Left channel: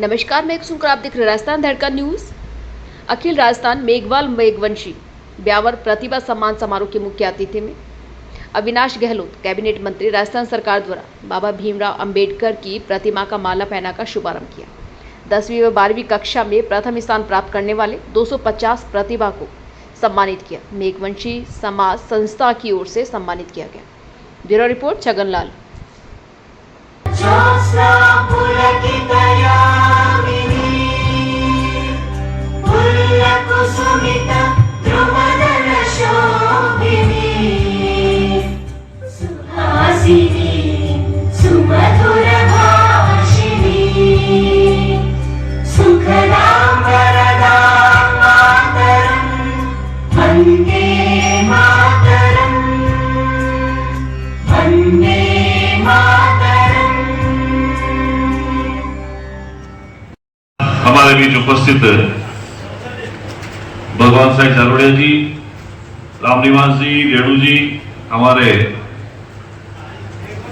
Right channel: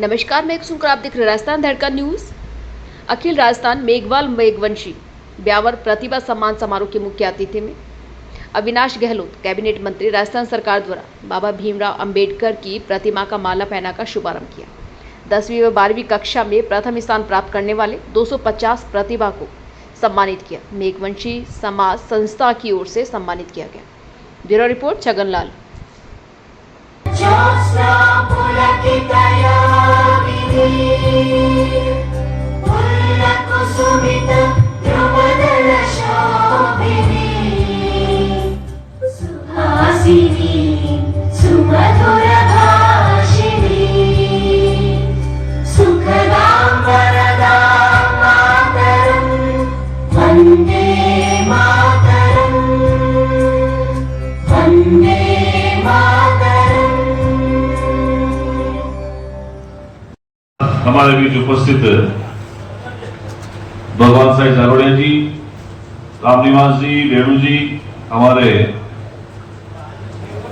नमस्कार, मैं सुनकर आप देख रहे राजस्थान धड़कन न्यूज। अखिल राजस्थान मेघवाल मेघवंशी ब्यावर प्रतिभा सम्मान समारोह के मुख्य अतिथि में अविनाश गहलोत कैबिनेट मंत्री राजस्थान सरकार द्वारा बाबा भीमराव अंबेडकर की प्रतिमा का माला पहनाकर शुभारंभ किया। 10वीं व 12वीं कक्षा में प्रथम स्थान प्राप्त करने वाले 250 प्रतिभा को सम्मानित किया। मेघवंशी समाज संस्था की ओर से सम्मानित किया गया। Bureau report Chhaganlal. हमारे बीच उपस्थित भगवान साई जालोड़िया जी, रामनिवास जी, रेणु जी, हमारे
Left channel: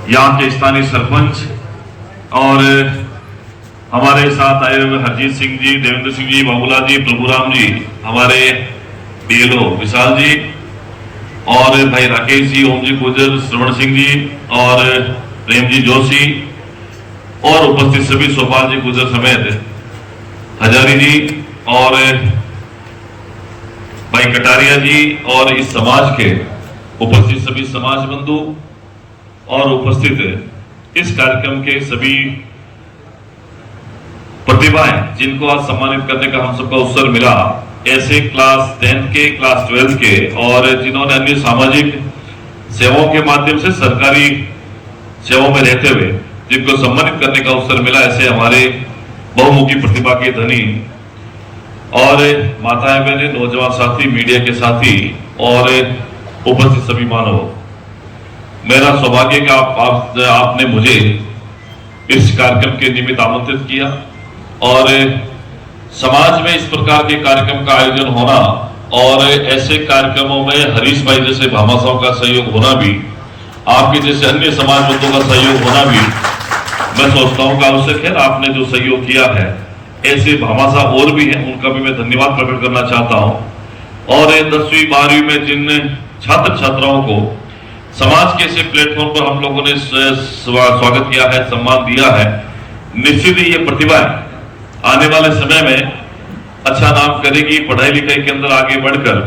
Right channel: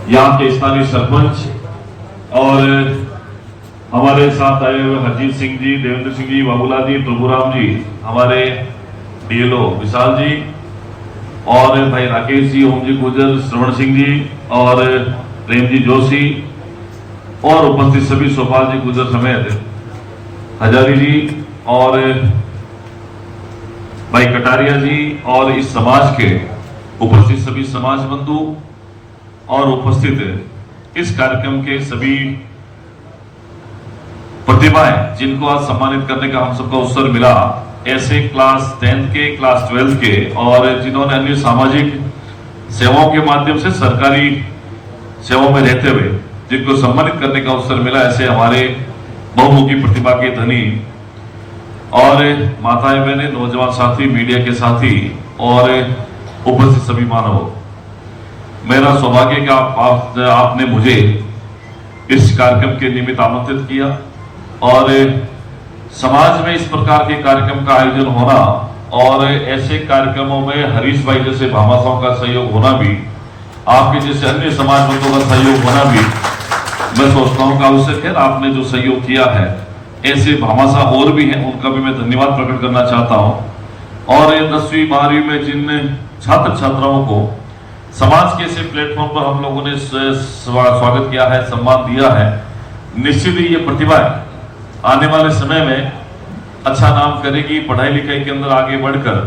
यहाँ के स्थानीय सरपंच और हमारे साथ आए हुए हरजीत सिंह जी, देवेंद्र सिंह जी, बाबूलाल जी, प्रभुराम जी, हमारे डीएलओ विशाल जी और भाई राकेश जी, ओम जी गुजर, श्रवण सिंह जी और प्रेम जी जोशी और उपस्थित सभी सोपाल जी गुजर समेत हजारी जी और भाई कटारिया जी और इस समाज के उपस्थित सभी समाज बंधु और उपस्थित इस कार्यक्रम के सभी प्रतिभाएं जिनको आज सम्मानित करने का हम सबका अवसर मिला, ऐसे क्लास 10 के, क्लास 12 के और जिन्होंने अन्य सामाजिक सेवाओं के माध्यम से सरकारी सेवाओं में रहते हुए जिनको सम्मानित करने का अवसर मिला, ऐसे हमारे बहुमुखी प्रतिभा के धनी और माताएं बहनें, नौजवान साथी, मीडिया के साथी और उपस्थित सभी मानव, मेरा सौभाग्य का आपने मुझे इस कार्यक्रम के निमित्त आमंत्रित किया और समाज में इस प्रकार के कार्यक्रम का आयोजन होना और ऐसे कार्यक्रमों में हरीश भाई जैसे भामाशाहों का सहयोग होना भी, आपके जैसे अन्य समाज बंधुओं का सहयोग होना भी मैं सोचता हूं कि आवश्यक है। आपने जो सहयोग किया है, ऐसे भामाशाह और भी हैं, उनका भी मैं धन्यवाद प्रकट करना चाहता हूं। और 10वीं 12वीं में जिन छात्र छात्राओं को समाज के ऐसे प्लेटफॉर्म पर हम लोगों ने स्वागत किया है, सम्मान दिया है, निश्चित ही ये प्रतिभा आने वाले समय में अच्छा नाम करेगी, पढ़ाई लिखाई के अंदर आगे बढ़कर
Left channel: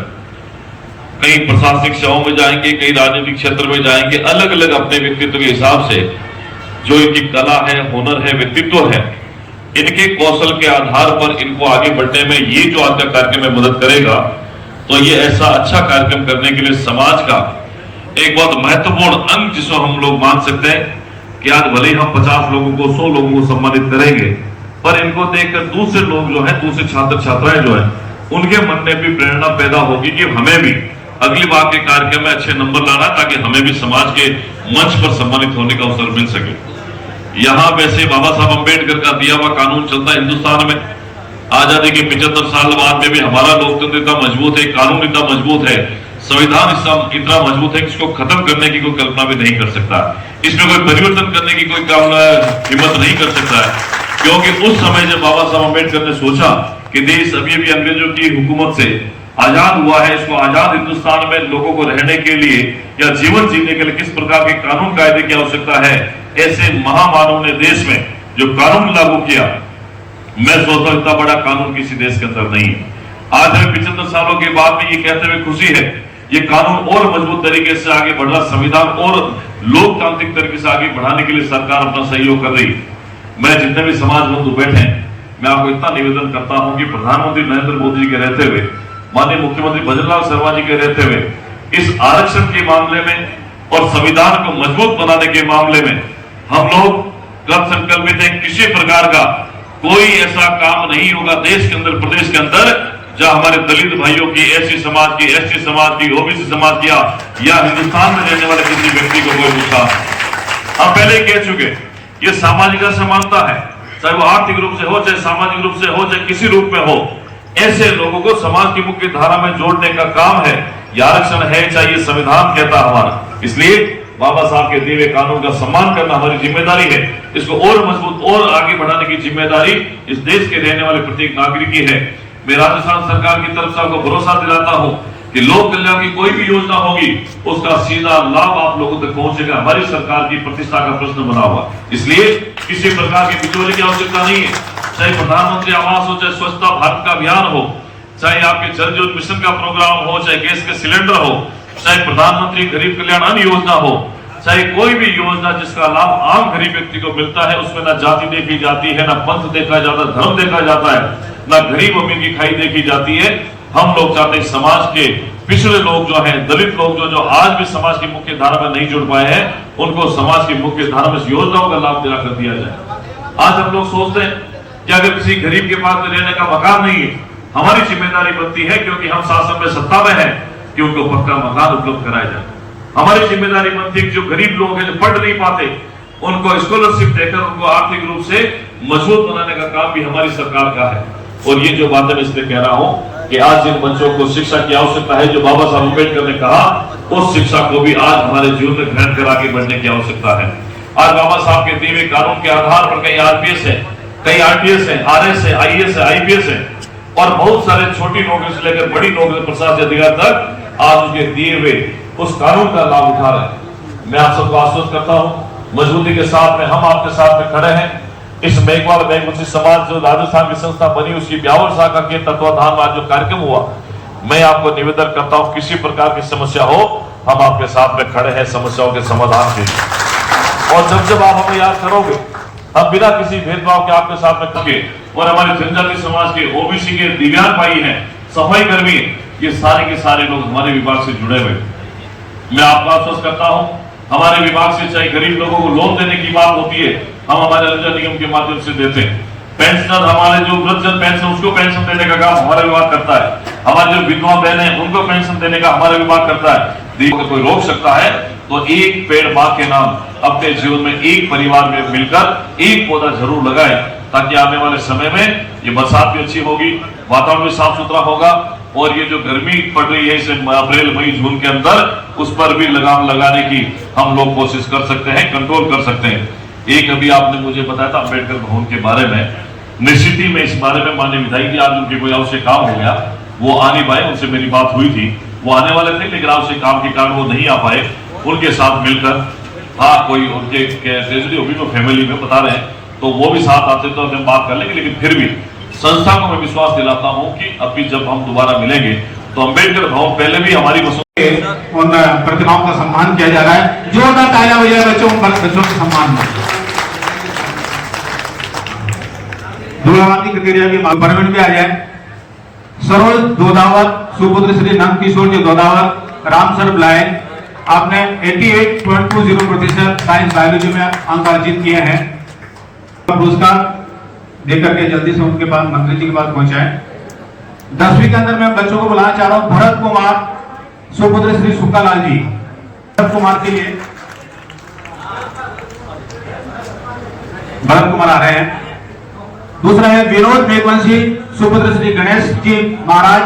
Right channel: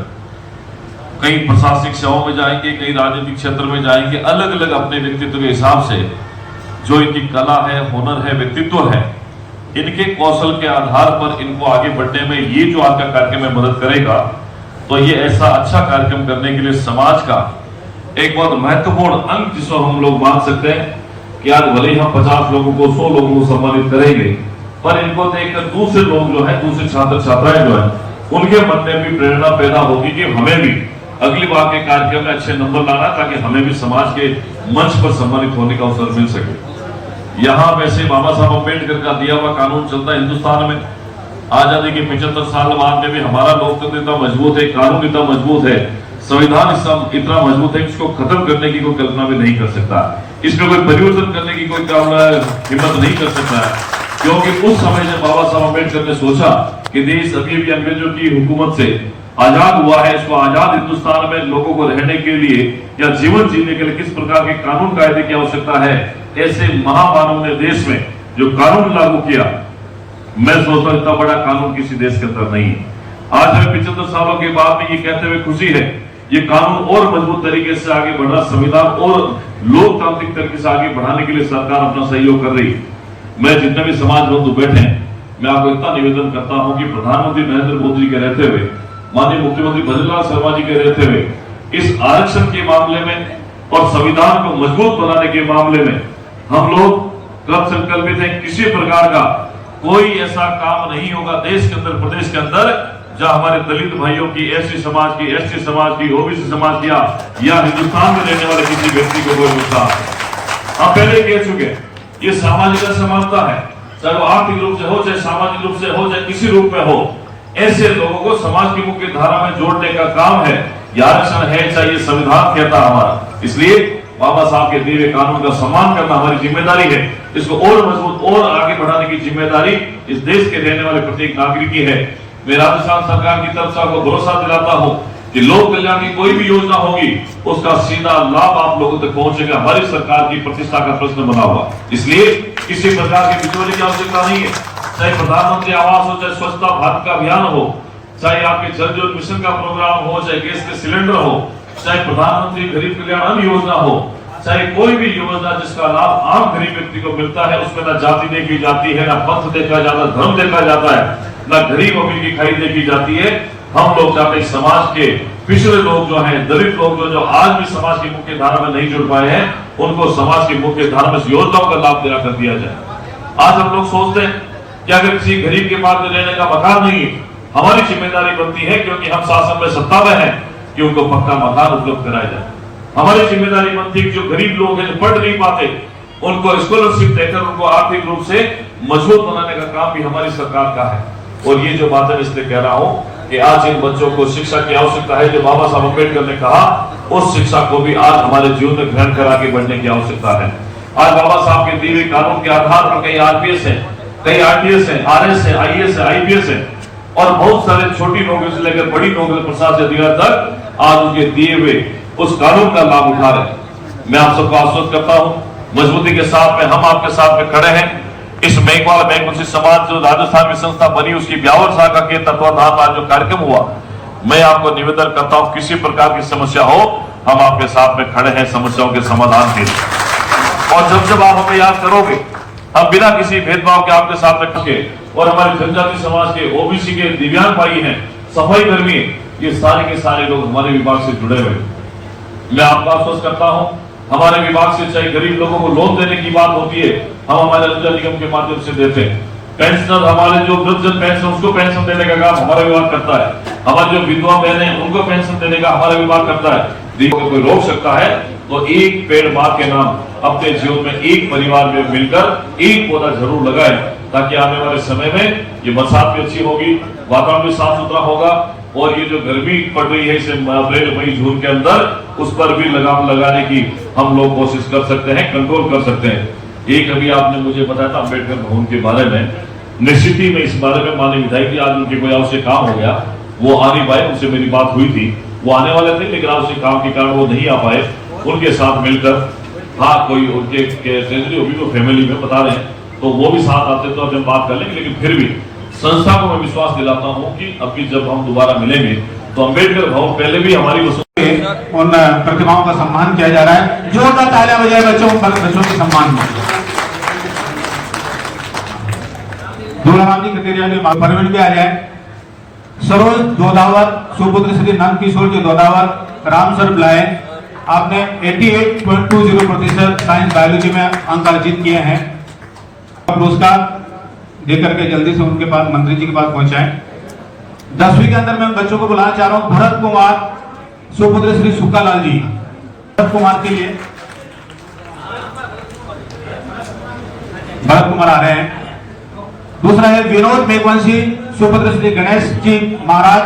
कई प्रशासनिक सेवाओं में जाएंगे, कई राजनीतिक क्षेत्र में जाएंगे, अलग अलग अपने व्यक्तित्व के हिसाब से जो इनकी कला है, हुनर है, व्यक्तित्व है, इनके कौशल के आधार पर इनको आगे बढ़ने में ये जो आज का कार्यक्रम में मदद करेगा, तो ये ऐसा अच्छा कार्यक्रम करने के लिए समाज का एक बहुत महत्वपूर्ण अंग जिसको हम लोग मान सकते हैं कि आज भले ही हम 50 लोगों को, 100 लोगों को सम्मानित करेंगे, पर इनको देखकर दूसरे लोग जो है, दूसरे छात्र छात्राएं जो है, उनके मन में भी प्रेरणा पैदा होगी कि हमें भी अगली बार के कार्यक्रम में अच्छे नंबर लाना, ताकि हमें भी समाज के मंच पर सम्मानित होने का अवसर मिल सके। यहाँ वैसे बाबा साहब अंबेडकर का दिया हुआ कानून चलता है हिंदुस्तान में। आजादी के 75 साल बाद में भी हमारा लोकतंत्र इतना मजबूत है, कानून इतना मजबूत है, संविधान इतना मजबूत है कि इसको खत्म करने की कोई कल्पना भी नहीं कर सकता, इसमें कोई परिवर्तन करने की कोई हिम्मत नहीं कर सकता है। क्योंकि उस समय जब बाबा साहब अंबेडकर ने सोचा कि देश अभी अभी अंग्रेजों की हुकूमत से आजाद हुआ है, इसको आजाद हिंदुस्तान में लोगों को रहने के लिए या जीवन जीने के लिए किस प्रकार के कानून कायदे की आवश्यकता है, ऐसे महामानव ने देश में जो कानून लागू किया, मैं सोचता हूं इतना बड़ा कानून किसी देश के अंदर नहीं है। आज हमें 75 सालों के बाद भी ये कहते हुए खुशी है, ये कानून और मजबूत तरीके से आगे बढ़ रहा, संविधान और लोकतांत्रिक तरीके से आगे बढ़ाने के लिए सरकार अपना सहयोग कर रही। मैं जितने भी समाज बंधु बैठे हैं, मैं आपको इतना निवेदन करता हूं कि प्रधानमंत्री नरेंद्र मोदी जी के रहते हुए, माननीय मुख्यमंत्री भजनलाल शर्मा जी के रहते हुए, इस आरक्षण के मामले में और संविधान को मजबूत बनाने के मामले में हम लोग कृत संकल्पित हैं। किसी प्रकार का कोई ऐसा काम नहीं होगा देश के अंदर, प्रदेश के अंदर, जहां हमारे दलित भाइयों की, एससी समाज की, एसटी समाज की, ओबीसी समाज की या हिंदुस्तान में रहने वाले किसी व्यक्ति को कोई नुकसान। हम पहले ही कह चुके, ये सामाजिक असमानता है, चाहे वो आर्थिक रूप से हो, चाहे सामाजिक रूप से हो, चाहे किसी रूप में हो, ऐसे लोगों को समाज की मुख्य धारा में जोड़ने का काम है। ये आरक्षण है, चाहे ये संविधान कहता हमारा। इसलिए बाबा साहब के दिए हुए कानून का सम्मान करना हमारी जिम्मेदारी है। इसको और मजबूत और आगे बढ़ाने की जिम्मेदारी इस देश के रहने वाले प्रत्येक नागरिक की है। मैं राजस्थान सरकार की तरफ से आपको भरोसा दिलाता हूं कि लोक कल्याण की कोई भी योजना होगी उसका सीधा लाभ आप लोगों तक पहुंचेगा। हमारी सरकार की प्रतिष्ठा का प्रश्न बना हुआ, इसलिए किसी प्रकार के बिचौले की आवश्यकता नहीं है। चाहे प्रधानमंत्री आवास हो, चाहे स्वच्छता भारत का अभियान हो, चाहे आपके जल जीवन मिशन का प्रोग्राम हो, चाहे गैस के सिलेंडर हो, चाहे प्रधानमंत्री गरीब कल्याण अन्न योजना हो, चाहे कोई भी योजना जिसका लाभ आम गरीब व्यक्ति को मिलता है, उसमें ना जाति देखी जाती है, ना पंथ देखा जाता, धर्म देखा जाता है, ना गरीब अमीर की खाई देखी जाती है। हम लोग चाहते हैं समाज के पिछड़े लोग जो हैं, दलित लोग जो आज भी समाज की मुख्य धारा में नहीं जुड़ पाए हैं, उनको समाज की मुख्य धारा में योजनाओं का लाभ दिला कर दिया जाए। आज हम लोग सोचते हैं कि अगर किसी गरीब के पास में रहने का मकान नहीं है, हमारी जिम्मेदारी बनती है, क्योंकि हम शासन में सत्ता में हैं, कि उनको पक्का मकान उपलब्ध कराया जाए। हमारी जिम्मेदारी बनती है कि जो गरीब लोग हैं, जो पढ़ नहीं पाते, उनको स्कॉलरशिप देकर उनको आर्थिक रूप से मजबूत बनाने का काम भी हमारी सरकार का है। और ये जो बातें मैं इसलिए कह रहा हूं कि आज इन बच्चों को शिक्षा की आवश्यकता है। जो बाबा साहब अम्बेडकर ने कहा, उस शिक्षा को भी आज हमारे जीवन में ग्रहण कर आगे बढ़ने की आवश्यकता है। आज बाबा साहब के दिए हुए कानून के आधार पर कई आरपीएस है, कई आरटीएस है, आरएस है, आईएएस है, आईपीएस है, और बहुत सारे छोटी नौकरी से लेकर बड़ी नौकरी प्रशासनिक अधिकारी तक आज उनके दिए हुए उस कानून का लाभ उठा रहे। मैं आप सबको आश्वस्त करता हूं, मजबूती के साथ में हम आपके साथ में खड़े हैं। इस मेघवाल मेघवंशी समाज जो राजस्थान में संस्था बनी, उसकी 52 शाखा के तत्वाधान में जो कार्यक्रम हुआ, मैं आपको निवेदन करता हूं, किसी प्रकार की समस्या हो, हम आपके साथ में खड़े हैं समस्याओं के समाधान के लिए। और जब जब आप हमें याद करोगे, हम बिना किसी भेदभाव के आपके साथ में खड़े। और हमारे जनजाति समाज के, ओबीसी के, दिव्यांग भाई हैं, सफाई कर्मी, ये सारे के सारे लोग हमारे विभाग से जुड़े हुए। मैं आपको आश्वस्त करता हूं, हमारे विभाग से चाहे गरीब लोगों को लोन देने की बात होती है, हम हमारे अंजल निगम के माध्यम से देते हैं। पेंशनर, हमारे जो वृद्धजन पेंशन, उसको पेंशन देने का काम हमारा विभाग करता है। हमारे जो विधवा बहन है, उनको पेंशन देने का हमारा विभाग करता है। अगर कोई रोक सकता है तो एक पेड़ मां के नाम अपने जीवन में एक परिवार में मिलकर एक पौधा जरूर लगाए, ताकि आने वाले समय में ये बरसात भी अच्छी होगी, वातावरण भी साफ सुथरा होगा, और ये जो गर्मी पड़ रही है इसे अप्रैल मई जून के अंदर, उस पर भी लगाम लगाने की हम लोग कोशिश कर सकते हैं, कंट्रोल कर सकते हैं। एक अभी आपने मुझे बताया था अम्बेडकर भवन के बारे में, निश्चित ही मैं इस बारे में माननीय विधायक जी, आज उनके कोई आवश्यक काम हो गया, वो आने पाए, उनसे मेरी बात हुई थी, वो आने वाले थे, लेकिन आवश्यक काम के कारण वो नहीं आ पाए। उनके साथ मिलकर, हाँ कोई उनके ट्रेजरी होगी तो फैमिली में बता रहे हैं, तो वो भी साथ आते तो हम बात कर लेंगे। लेकिन फिर भी संस्था को मैं विश्वास दिलाता हूं कि अभी जब हम दोबारा मिलेंगे तो अम्बेडकर भवन पहले भी हमारी उन प्रतिभाओं का सम्मान किया जा रहा है। जोरदार तालियां बजाएं बच्चों के सम्मान में। दूल्हावादी क्राइटेरिया की परमिट भी आ जाए। सरोज दोदावत, सुपुत्र श्री नंद किशोर जी दोदावत, रामसर ब्लाइन, आपने 88.20% साइंस बायोलॉजी में अंक अर्जित किए हैं। पुरस्कार देकर के जल्दी से उनके पास, मंत्री जी के पास पहुंचाएं। 10वीं के अंदर मैं बच्चों को बुलाना चाह रहा हूं, भरत कुमार, सुपुत्र श्री सुक्कालाल जी, भरत कुमार के लिए भरत कुमार आ रहे हैं। दूसरा है विनोद मेघवंशी, सुपुत्र श्री गणेश जी महाराज,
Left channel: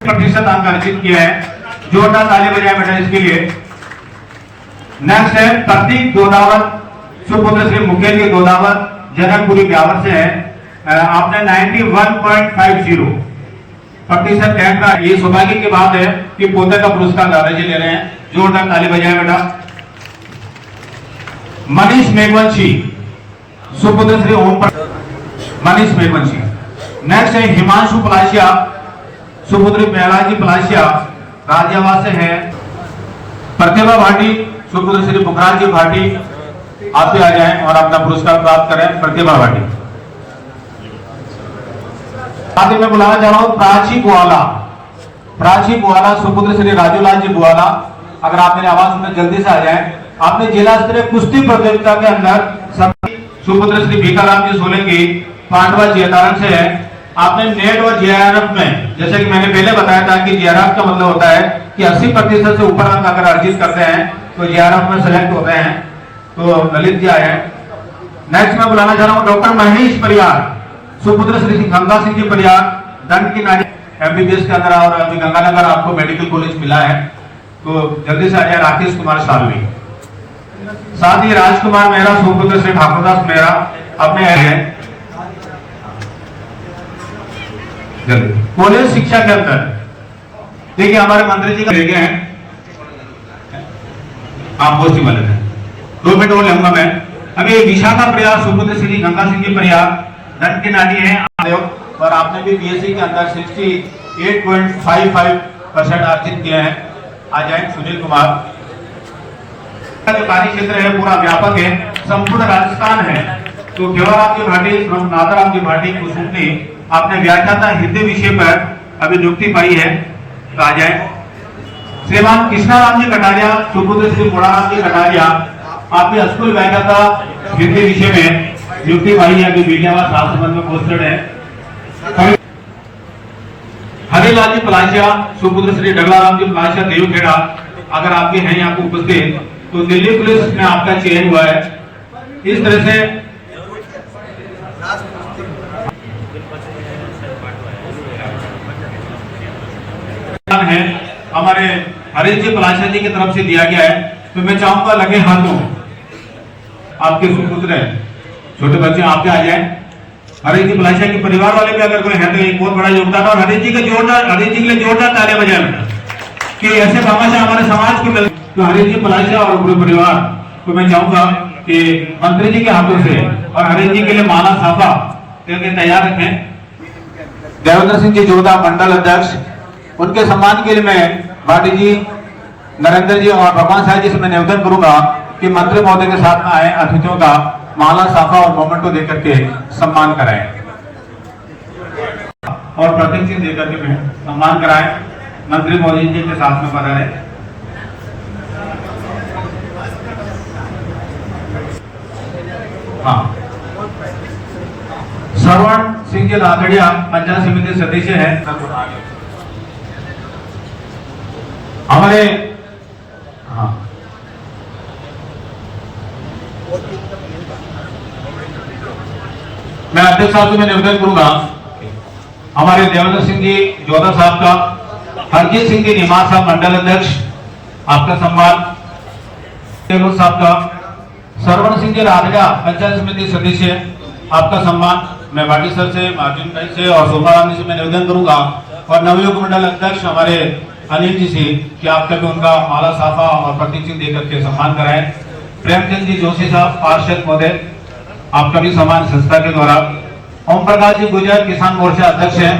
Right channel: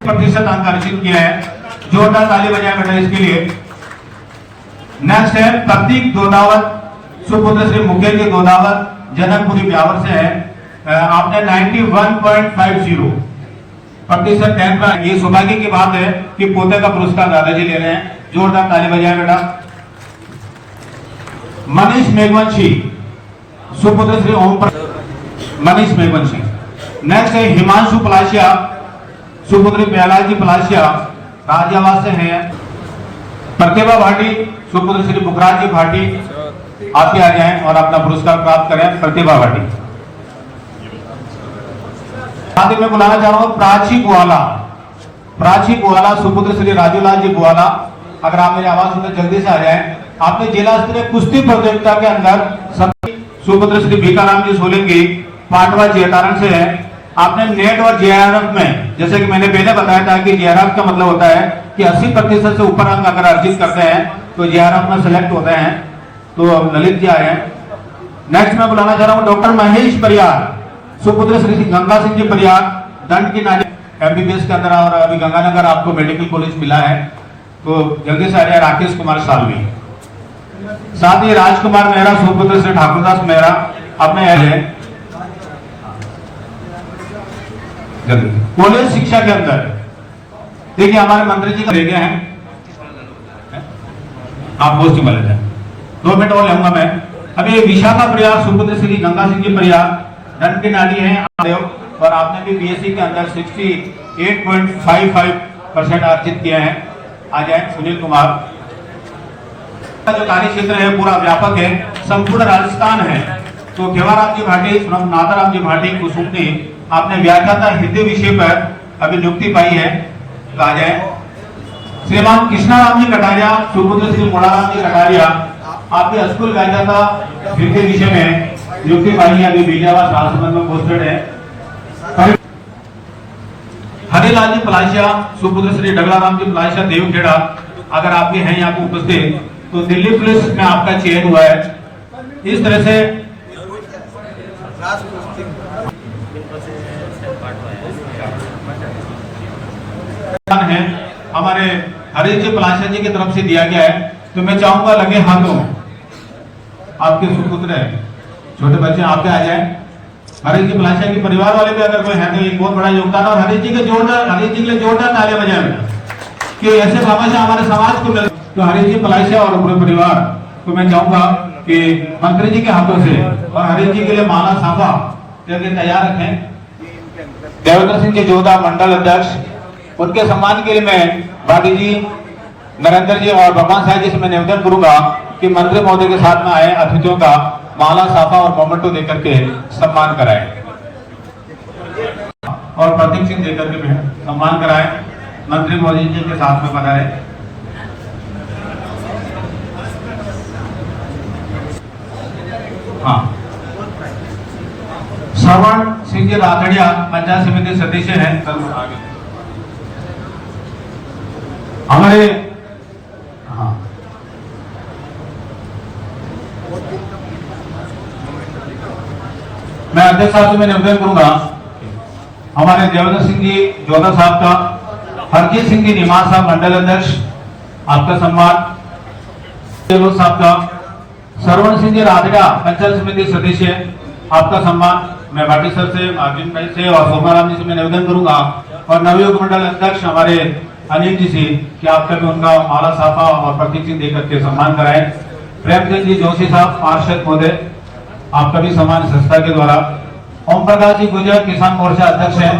प्रतिशत अंक अर्जित किया है। जोरदार ताली बजाएं बेटा इसके लिए। नेक्स्ट है प्रतीक गोदावत, सुपुत्र श्री मुकेश जी गोदावत, जनकपुरी ब्यावर से है। आपने 91.50 प्रतिशत रैंक रहा। ये सौभाग्य की बात है कि पोते का पुरस्कार दादाजी ले रहे हैं। जोरदार ताली बजाएं बेटा। मनीष मेघवंशी, सुपुत्र श्री ओम, मनीष मेघवंशी। नेक्स्ट है हिमांशु पलाशिया, सुपुत्र प्रहलाद जी पलाशिया, राज्यवास से है। प्रतिभा भाटी, सुपुत्र श्री बुखराज जी भाटी, आप भी आ जाएं और अपना पुरस्कार प्राप्त करें। प्रतिभा भाटी। आगे मैं बुलाना चाह रहा हूं प्राची ग्वाला, प्राची ग्वाला, सुपुत्र श्री राजूलाल जी ग्वाला। अगर आप मेरी आवाज सुनते जल्दी से आ जाएं। आपने जिला स्तरीय कुश्ती प्रतियोगिता के अंदर सुपुत्र श्री भीखाराम जी सोलंकी, पांडवा जेतारण से है। आपने नेट और जेआरएफ में, जैसे कि मैंने पहले बताया था कि जेआरएफ का मतलब होता है कि 80% से ऊपर अंक अगर अर्जित करते हैं तो जेआरएफ में सिलेक्ट होते हैं। तो ललित जी आए हैं। नेक्स्ट मैं बुलाना चाह रहा हूँ डॉक्टर महेश परियार, सुपुत्र श्री गंगा सिंह जी परियार, दंड की नानी। MBBS के अंदर और अभी गंगानगर आपको मेडिकल कॉलेज मिला है, तो जल्दी से आ जाए राकेश कुमार सालवी। साथ ही राजकुमार मेहरा सुपुत्र श्री ठाकुरदास मेहरा अपने कॉलेज शिक्षा के अंदर देखिए हमारे मंत्री जी का ले गए हैं, आप गोष्ठी वाले हैं 2 मिनट और लूंगा मैं। अभी विशाखा प्रिया सुपुत्र श्री गंगा सिंह जी प्रिया दंड के नाली है और आपने भी BSc के अंदर 68.55% अर्जित किए हैं। आ जाए सुनील कुमार। जो कार्य क्षेत्र है पूरा व्यापक है, संपूर्ण राजस्थान है। तो केवलाराम जी भाटी फ्रॉम नाथाराम जी भाटी कुसुमनी आपने व्याख्याता हिंदी विषय पर अभी नियुक्ति पाई है, तो आ जाए। श्रीमान कृष्णाराम जी कटारिया सुपुत्र श्री मोड़ाराम जी कटारिया आपने स्कूल व्याख्याता हिंदी विषय में नियुक्ति पाई है, अभी बीलियावास राजसमंद में पोस्टेड है। हरिलाल जी पलाशिया सुपुत्र श्री डगलाराम जी पलाशिया देवखेड़ा, अगर आप भी हैं यहाँ पे उपस्थित, तो दिल्ली पुलिस में आपका चयन हुआ है। इस तरह से है हमारे हरीश जी पलाशिया जी की तरफ से दिया गया है, तो मैं चाहूंगा लगे हाथों आपके सुपुत्र है, छोटे बच्चे आपके आ जाए। हरीश जी पलाशिया के परिवार वाले भी अगर कोई है तो एक बहुत बड़ा योगदान, और हरीश जी के लिए जोरदार तालियां बजाएं कि ऐसे भामाशाह हमारे समाज को मिले। तो हरीश जी पलाशिया और पूरे परिवार को मैं चाहूंगा कि मंत्री जी के हाथों से और हरीश जी के लिए माला साफा करके तैयार रखें। देवेंद्र सिंह जी जोधा मंडल अध्यक्ष, उनके सम्मान के लिए मैं भाटी जी, नरेंद्र जी और भगवान साहब जी से मैं निवेदन करूंगा कि मंत्री महोदय के साथ में आए अतिथियों का माला साफा और मोमेंटो देकर के सम्मान कराएं और प्रतीक चिन्ह देकर के सम्मान कराएं। मंत्री महोदय जी के साथ में बना रहे। हाँ, श्रवण सिंह जी राठड़िया पंचायत समिति सदस्य है। हमने हाँ मैं अध्यक्ष साहब से मैं निवेदन करूंगा हमारे देवेंद्र सिंह जी जोधा साहब का, हरजीत सिंह जी निमार साहब मंडल अध्यक्ष आपका सम्मान, देवेंद्र साहब का, श्रवण सिंह जी राठड़ा पंचायत समिति सदस्य आपका सम्मान मैं भाटी सर से, अर्जुन भाई से और सोमाराम जी से मैं निवेदन करूंगा, और नवयुग मंडल अध्यक्ष हमारे अनिल जी से कि आपका भी उनका माला साफा और प्रतीक चिन्ह देकर के सम्मान कराएं। प्रेमचंद जी जोशी साहब पार्षद महोदय आपका भी सम्मान संस्था के द्वारा। ओम प्रकाश जी गुजरात किसान मोर्चा अध्यक्ष है।